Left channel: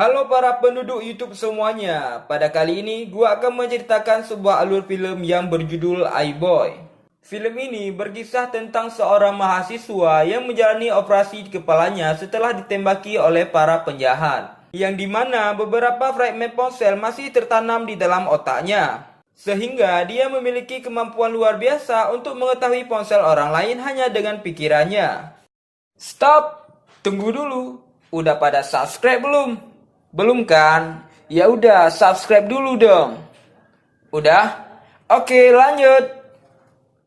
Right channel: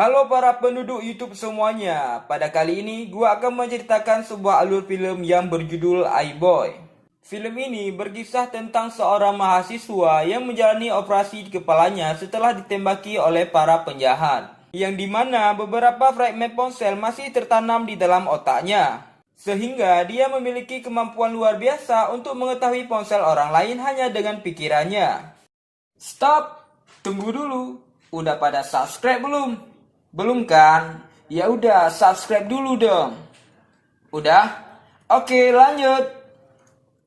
Halo para penduduk YouTube semuanya. Pada kali ini gua akan menceritakan sebuah alur film yang berjudul iBoy. Film ini berkisah tentang seorang mahasiswa yang menjalani operasi di kepalanya setelah ditembaki oleh para penjahat, yang dimana beberapa fragmen ponsel masih tertanam di dalam otaknya, sehingga dia memiliki kemampuan luar biasa untuk mengetahui ponsel orang lain hanya dengan pikirannya. Stop, tunggu dulu. Udah pada subscribe belum? Belum kan? Ya udah, subscribe dulu dong. Udah? Oke, lanjut.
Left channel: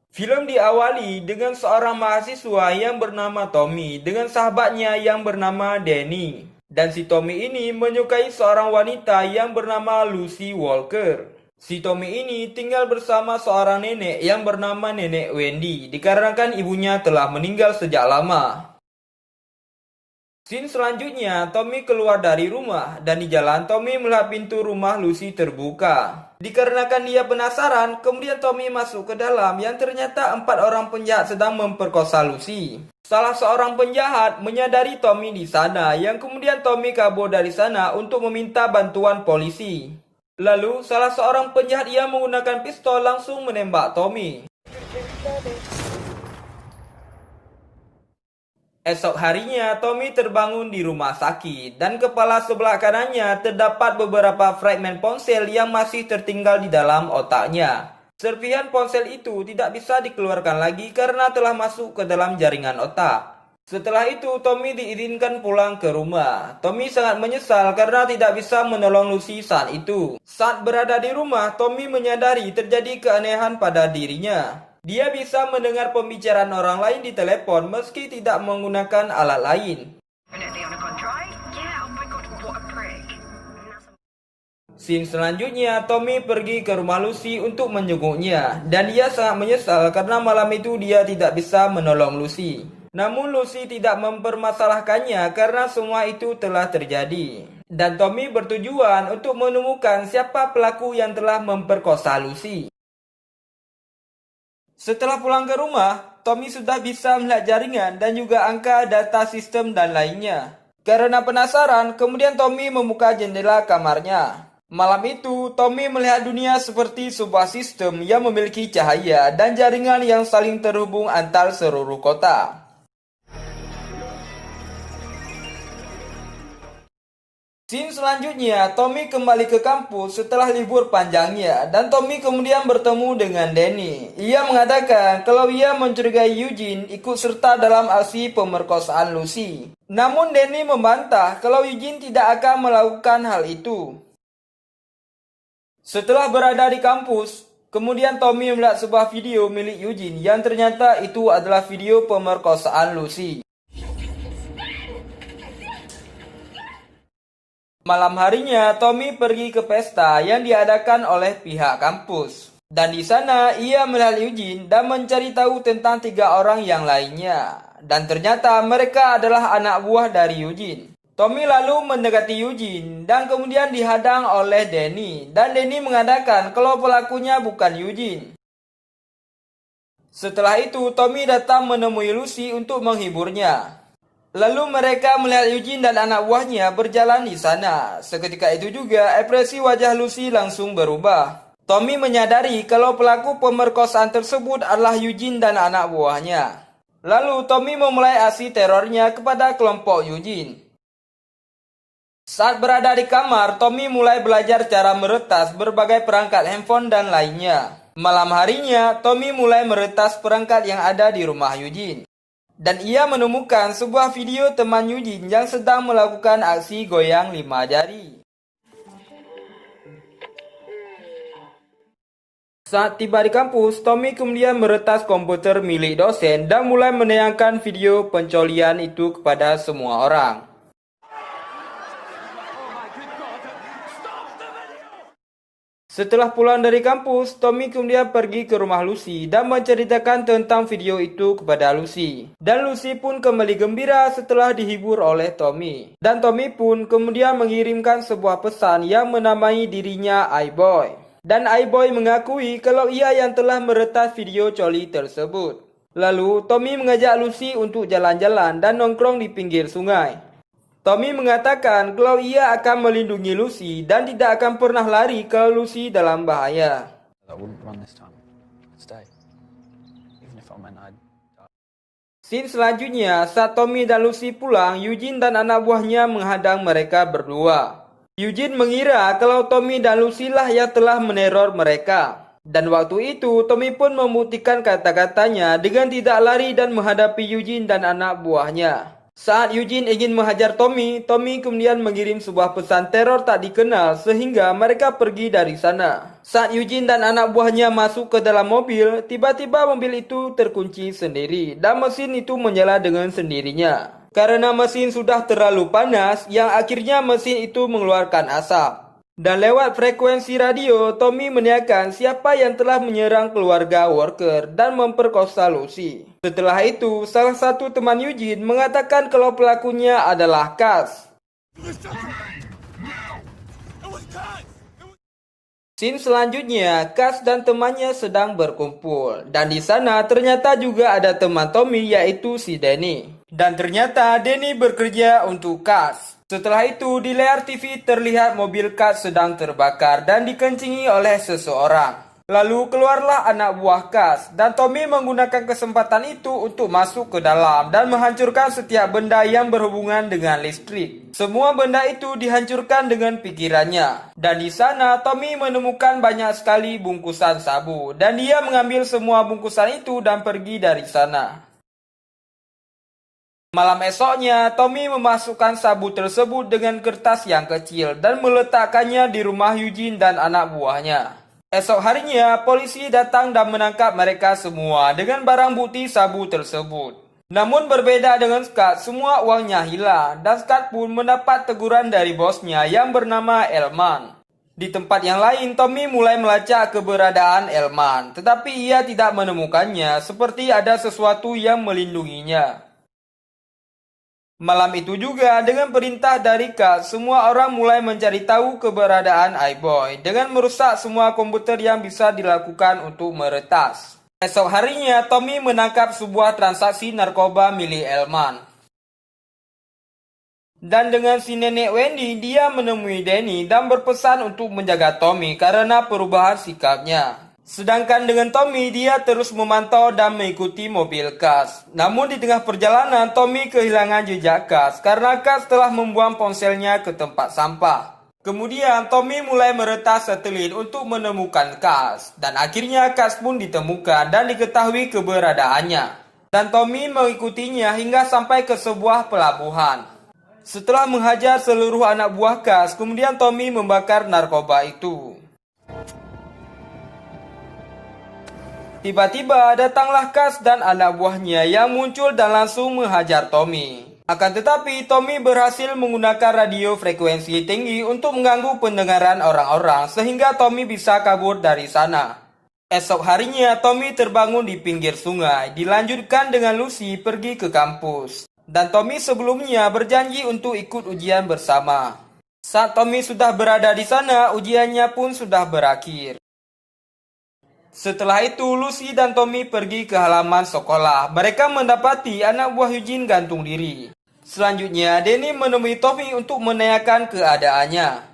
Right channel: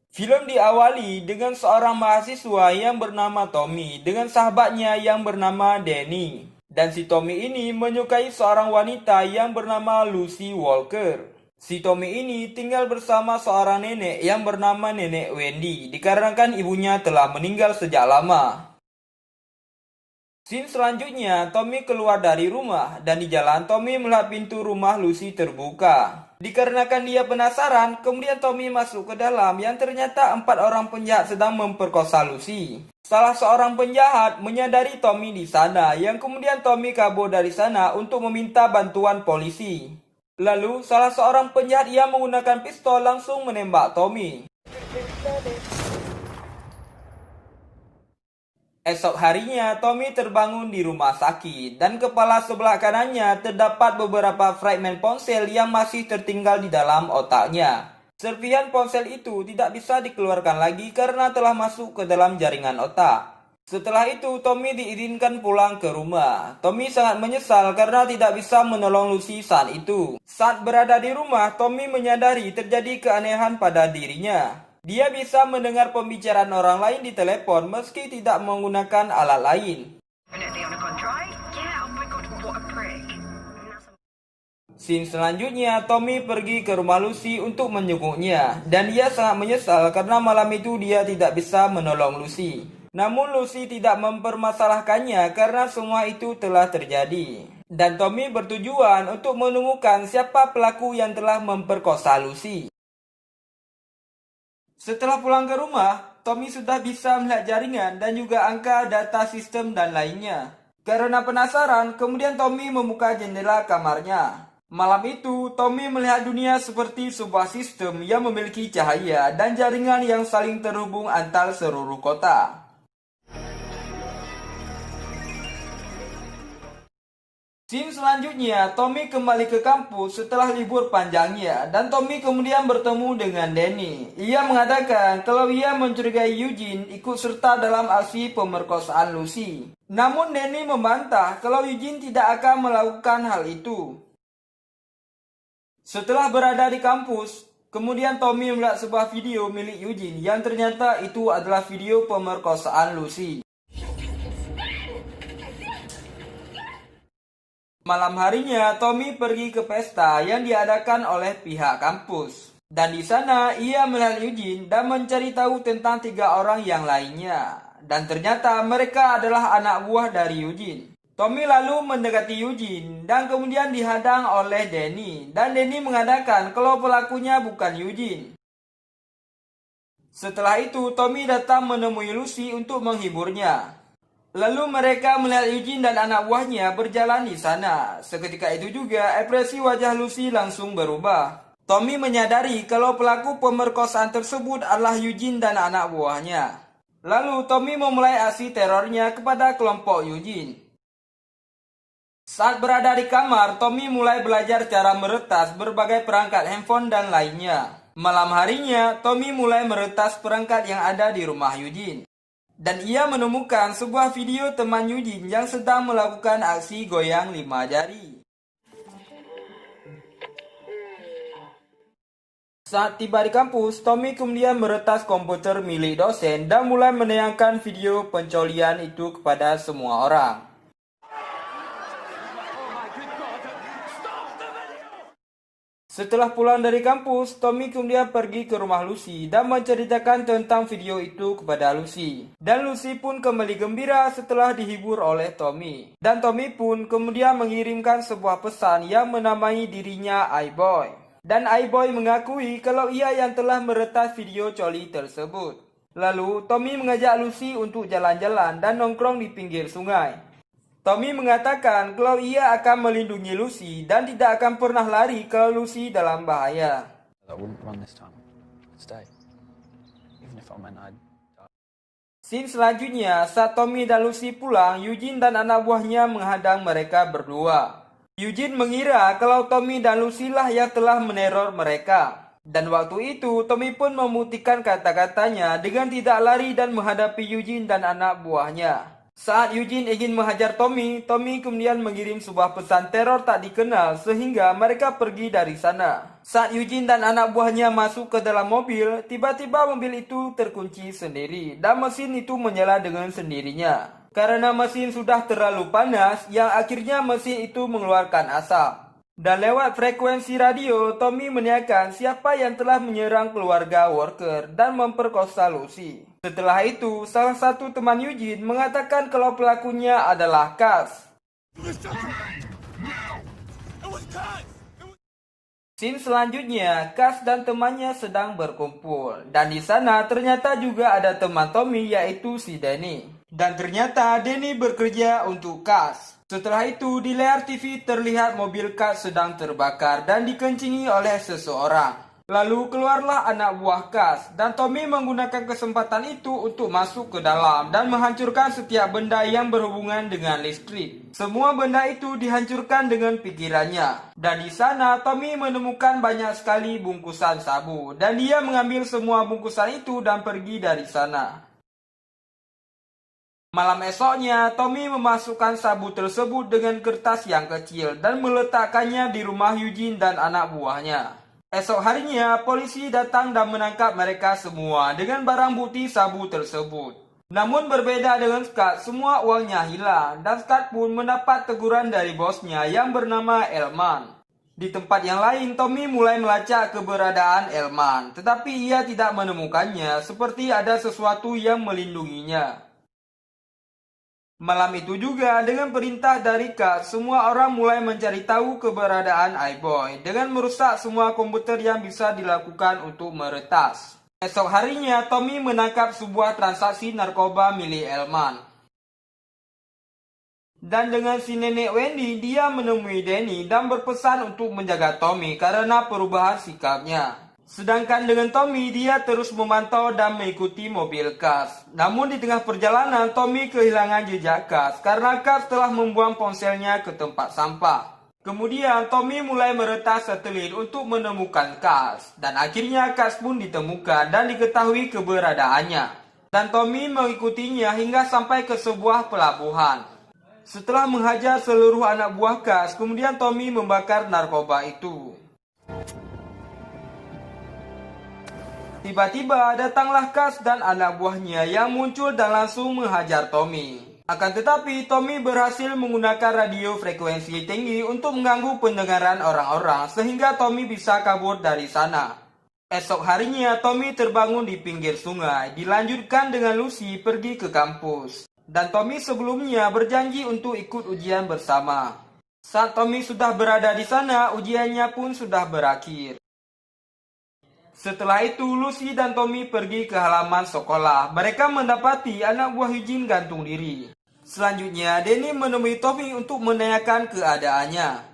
Film diawali dengan seorang mahasiswa yang bernama Tommy dengan sahabatnya yang bernama Danny. Dan si Tommy ini menyukai seorang wanita yang bernama Lucy Walker. Si Tommy ini tinggal bersama seorang nenek yang bernama Nenek Wendy dikarenakan ibunya telah meninggal sejak lama. Scene selanjutnya, Tommy keluar dari rumah dan di jalan Tommy melihat pintu rumah Lucy terbuka. Dikarenakan dia penasaran, kemudian Tommy masuk ke dalam yang ternyata 4 orang penjahat sedang memperkosa Lucy. Salah seorang penjahat menyadari Tommy di sana, yang kemudian Tommy kabur dari sana untuk meminta bantuan polisi. Lalu, salah seorang penjahat yang menggunakan pistol langsung menembak Tommy. Esok harinya, Tommy terbangun di rumah sakit dan kepala sebelah kanannya terdapat beberapa fragmen ponsel yang masih tertinggal di dalam otaknya. Serpihan ponsel itu tidak bisa dikeluarkan lagi karena telah masuk ke dalam jaringan otak. Setelah itu, Tommy diizinkan pulang ke rumah. Tommy sangat menyesal karena tidak bisa menolong Lucy saat itu. Saat berada di rumah, Tommy menyadari terjadi keanehan pada dirinya. Dia bisa mendengar pembicaraan orang lain di telepon meski tidak menggunakan alat lain. Scene selanjutnya, Tommy pergi ke rumah Lucy untuk menjenguknya, dan dia sangat menyesal karena malam itu dia tidak bisa menolong Lucy. Namun Lucy tidak mempermasalahkannya karena semua itu telah terjadi. Dan Tommy bertujuan untuk menemukan siapa pelaku yang telah memperkosa Lucy. Setelah pulang ke rumah, Tommy sudah bisa melihat jaringan dan juga angka data sistem dan lainnya. Karena penasaran, kemudian Tommy membuka jendela kamarnya. Malam itu, Tommy melihat dunia seperti sebuah sistem yang memiliki cahaya dan jaringan yang saling terhubung antar seluruh kota. Scene selanjutnya, Tommy kembali ke kampus setelah libur panjangnya dan Tommy kemudian bertemu dengan Danny. Ia mengatakan kalau ia mencurigai Eugene ikut serta dalam aksi pemerkosaan Lucy. Namun Danny membantah kalau Eugene tidak akan melakukan hal itu. Setelah berada di kampus, kemudian Tommy melihat sebuah video milik Eugene yang ternyata itu adalah video pemerkosaan Lucy. Malam harinya, Tommy pergi ke pesta yang diadakan oleh pihak kampus. Dan di sana, ia melihat Eugene dan mencari tahu tentang 3 orang yang lainnya. Dan ternyata mereka adalah anak buah dari Eugene. Tommy lalu mendekati Eugene dan kemudian dihadang oleh Danny. Dan Danny mengatakan kalau pelakunya bukan Eugene. Setelah itu, Tommy datang menemui Lucy untuk menghiburnya. Lalu mereka melihat Eugene dan anak buahnya berjalan di sana. Seketika itu juga ekspresi wajah Lucy langsung berubah. Tommy menyadari kalau pelaku pemerkosaan tersebut adalah Eugene dan anak buahnya. Lalu Tommy memulai aksi terornya kepada kelompok Eugene. Saat berada di kamar, Tommy mulai belajar cara meretas berbagai perangkat handphone dan lainnya. Malam harinya, Tommy mulai meretas perangkat yang ada di rumah Eugene. Dan ia menemukan sebuah video teman Eugene yang sedang melakukan aksi goyang 5 jari. Saat tiba di kampus, Tommy kemudian meretas komputer milik dosen dan mulai menayangkan video pencolian itu kepada semua orang. Setelah pulang dari kampus, Tommy kemudian pergi ke rumah Lucy dan menceritakan tentang video itu kepada Lucy. Dan Lucy pun kembali gembira setelah dihibur oleh Tommy. Dan Tommy pun kemudian mengirimkan sebuah pesan yang menamai dirinya iBoy. Dan iBoy mengakui kalau ia yang telah meretas video coli tersebut. Lalu Tommy mengajak Lucy untuk jalan-jalan dan nongkrong di pinggir sungai. Tommy mengatakan kalau ia akan melindungi Lucy dan tidak akan pernah lari kalau Lucy dalam bahaya. I wouldn't run this time. I'd stay. Even if I meant I'd die. Scene selanjutnya, saat Tommy dan Lucy pulang, Eugene dan anak buahnya menghadang mereka berdua. Eugene mengira kalau Tommy dan Lucy lah yang telah meneror mereka. Dan waktu itu, Tommy pun membuktikan kata-katanya dengan tidak lari dan menghadapi Eugene dan anak buahnya. Saat Eugene ingin menghajar Tommy, Tommy kemudian mengirim sebuah pesan teror tak dikenal sehingga mereka pergi dari sana. Saat Eugene dan anak buahnya masuk ke dalam mobil, tiba-tiba mobil itu terkunci sendiri dan mesin itu menyala dengan sendirinya. Karena mesin sudah terlalu panas, yang akhirnya mesin itu mengeluarkan asap. Dan lewat frekuensi radio, Tommy menanyakan siapa yang telah menyerang keluarga Walker dan memperkosa Lucy. Setelah itu, salah satu teman Eugene mengatakan kalau pelakunya adalah Cass. Scene selanjutnya, Cass dan temannya sedang berkumpul. Dan di sana ternyata juga ada teman Tommy yaitu si Danny. Dan ternyata Danny bekerja untuk Cass. Setelah itu di layar TV terlihat mobil Cass sedang terbakar dan dikencingi oleh seseorang. Lalu keluarlah anak buah Cass dan Tommy menggunakan kesempatan itu untuk masuk ke dalam dan menghancurkan setiap benda yang berhubungan dengan listrik. Semua benda itu dihancurkan dengan pikirannya. Dan di sana Tommy menemukan banyak sekali bungkusan sabu dan dia mengambil semua bungkusan itu dan pergi dari sana. Malam esoknya, Tommy memasukkan sabu tersebut dengan kertas yang kecil dan meletakkannya di rumah Eugene dan anak buahnya. Esok harinya, polisi datang dan menangkap mereka semua dengan barang bukti sabu tersebut. Namun berbeda dengan Scott, semua uangnya hilang dan Scott pun mendapat teguran dari bosnya yang bernama Elman. Di tempat yang lain, Tommy mulai melacak keberadaan Elman, tetapi ia tidak menemukannya seperti ada sesuatu yang melindunginya. Malam itu juga dengan perintah dari Cass, semua orang mulai mencari tahu keberadaan iBoy dengan merusak semua komputer yang bisa dilakukan untuk meretas. Esok harinya Tommy menangkap sebuah transaksi narkoba milik Elman. Dan dengan si nenek Wendy, dia menemui Danny dan berpesan untuk menjaga Tommy karena perubahan sikapnya. Sedangkan dengan Tommy, dia terus memantau dan mengikuti mobil Cass. Namun di tengah perjalanan, Tommy kehilangan jejak Cass karena Cass telah membuang ponselnya ke tempat sampah. Kemudian Tommy mulai meretas satelit untuk menemukan Cass. Dan akhirnya Cass pun ditemukan dan diketahui keberadaannya. Dan Tommy mengikutinya hingga sampai ke sebuah pelabuhan. Setelah menghajar seluruh anak buah Cass, kemudian Tommy membakar narkoba itu. Tiba-tiba datanglah Cass dan anak buahnya yang muncul dan langsung menghajar Tommy. Akan tetapi Tommy berhasil menggunakan radio frekuensi tinggi untuk mengganggu pendengaran orang-orang sehingga Tommy bisa kabur dari sana. Esok harinya Tommy terbangun di pinggir sungai, dilanjutkan dengan Lucy pergi ke kampus. Dan Tommy sebelumnya berjanji untuk ikut ujian bersama. Saat Tommy sudah berada di sana, ujiannya pun sudah berakhir. Setelah itu, Lucy dan Tommy pergi ke halaman sekolah. Mereka mendapati anak buah Eugene gantung diri. Selanjutnya, Danny menemui Tommy untuk menanyakan keadaannya.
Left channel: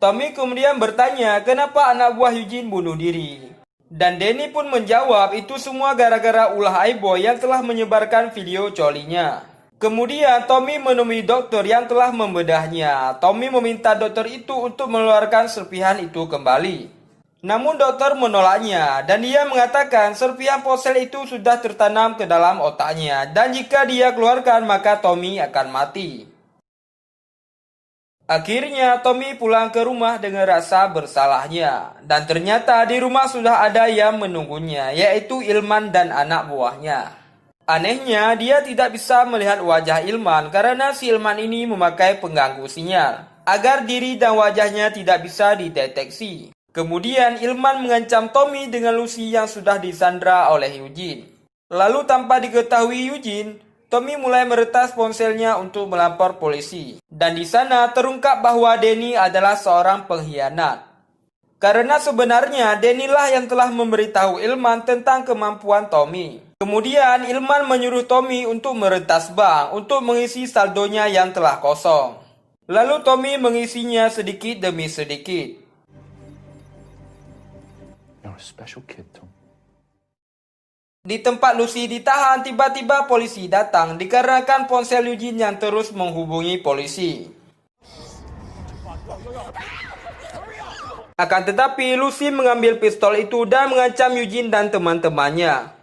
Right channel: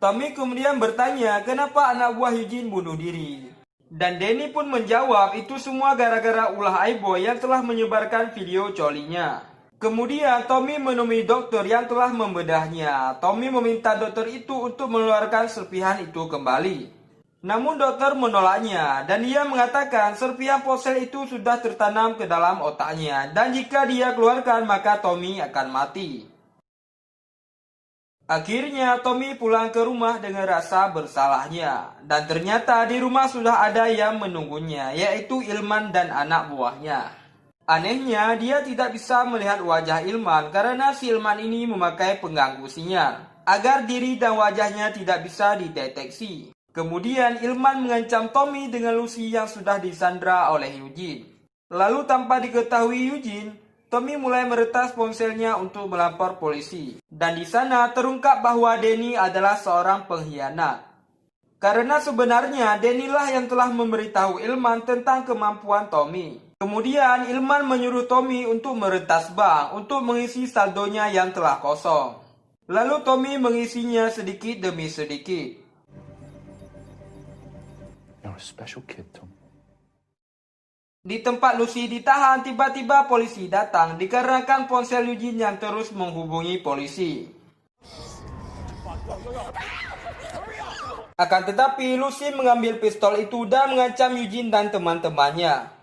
Tommy kemudian bertanya kenapa anak buah Eugene bunuh diri. Dan Danny pun menjawab itu semua gara-gara ulah iBoy yang telah menyebarkan video colinya. Kemudian Tommy menemui dokter yang telah membedahnya. Tommy meminta dokter itu untuk mengeluarkan serpihan itu kembali. Namun dokter menolaknya dan dia mengatakan serpihan ponsel itu sudah tertanam ke dalam otaknya dan jika dia keluarkan maka Tommy akan mati. Akhirnya Tommy pulang ke rumah dengan rasa bersalahnya dan ternyata di rumah sudah ada yang menunggunya yaitu Ilman dan anak buahnya. Anehnya dia tidak bisa melihat wajah Ilman karena si Ilman ini memakai pengganggu sinyal agar diri dan wajahnya tidak bisa dideteksi. Kemudian Ilman mengancam Tommy dengan Lucy yang sudah disandra oleh Eugene. Lalu tanpa diketahui Eugene, Tommy mulai meretas ponselnya untuk melapor polisi. Dan di sana terungkap bahwa Danny adalah seorang pengkhianat. Karena sebenarnya Danny lah yang telah memberitahu Ilman tentang kemampuan Tommy. Kemudian Ilman menyuruh Tommy untuk meretas bank untuk mengisi saldonya yang telah kosong. Lalu Tommy mengisinya sedikit demi sedikit. You're a special kid, Tom. Di tempat Lucy ditahan, tiba-tiba polisi datang dikarenakan ponsel Eugene yang terus menghubungi polisi. Akan tetapi Lucy mengambil pistol itu dan mengancam Eugene dan teman-temannya.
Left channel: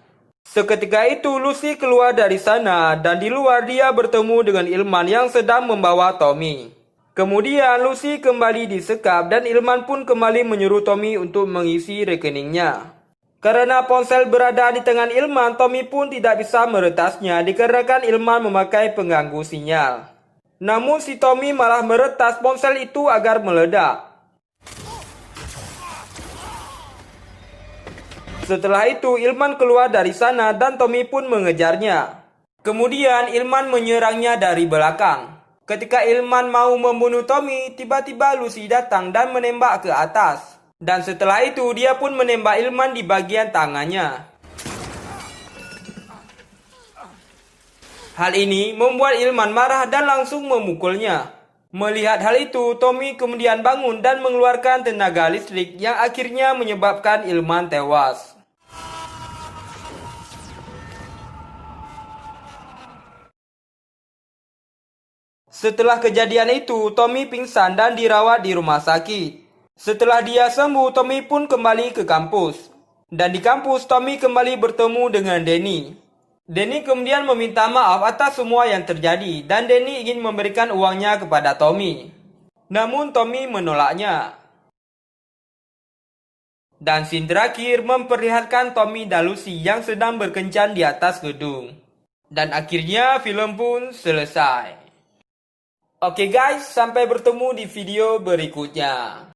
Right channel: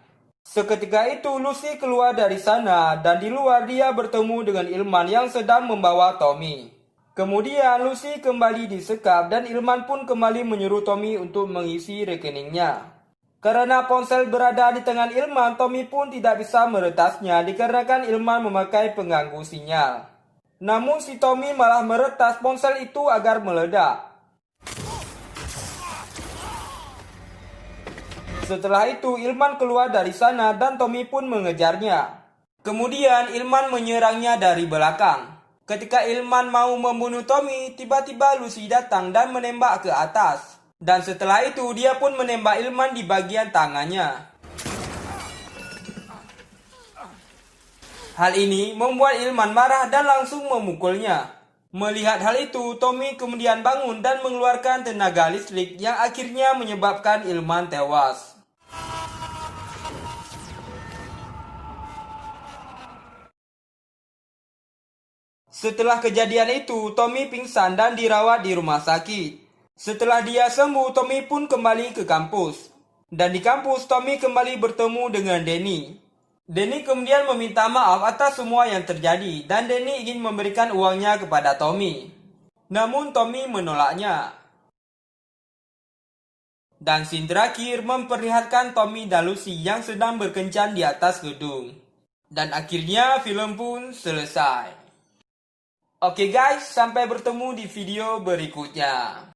Seketika itu Lucy keluar dari sana dan di luar dia bertemu dengan Ilman yang sedang membawa Tommy. Kemudian Lucy kembali disekap dan Ilman pun kembali menyuruh Tommy untuk mengisi rekeningnya. Karena ponsel berada di tangan Ilman, Tommy pun tidak bisa meretasnya dikarenakan Ilman memakai pengganggu sinyal. Namun si Tommy malah meretas ponsel itu agar meledak. Setelah itu Ilman keluar dari sana dan Tommy pun mengejarnya. Kemudian Ilman menyerangnya dari belakang. Ketika Ilman mau membunuh Tommy, tiba-tiba Lucy datang dan menembak ke atas. Dan setelah itu dia pun menembak Ilman di bagian tangannya. Hal ini membuat Ilman marah dan langsung memukulnya. Melihat hal itu, Tommy kemudian bangun dan mengeluarkan tenaga listrik yang akhirnya menyebabkan Ilman tewas. Setelah kejadian itu, Tommy pingsan dan dirawat di rumah sakit. Setelah dia sembuh, Tommy pun kembali ke kampus. Dan di kampus, Tommy kembali bertemu dengan Danny. Danny kemudian meminta maaf atas semua yang terjadi dan Danny ingin memberikan uangnya kepada Tommy. Namun Tommy menolaknya. Dan scene terakhir memperlihatkan Tommy dan Lucy yang sedang berkencan di atas gedung. Dan akhirnya film pun selesai. Oke guys, sampai bertemu di video berikutnya.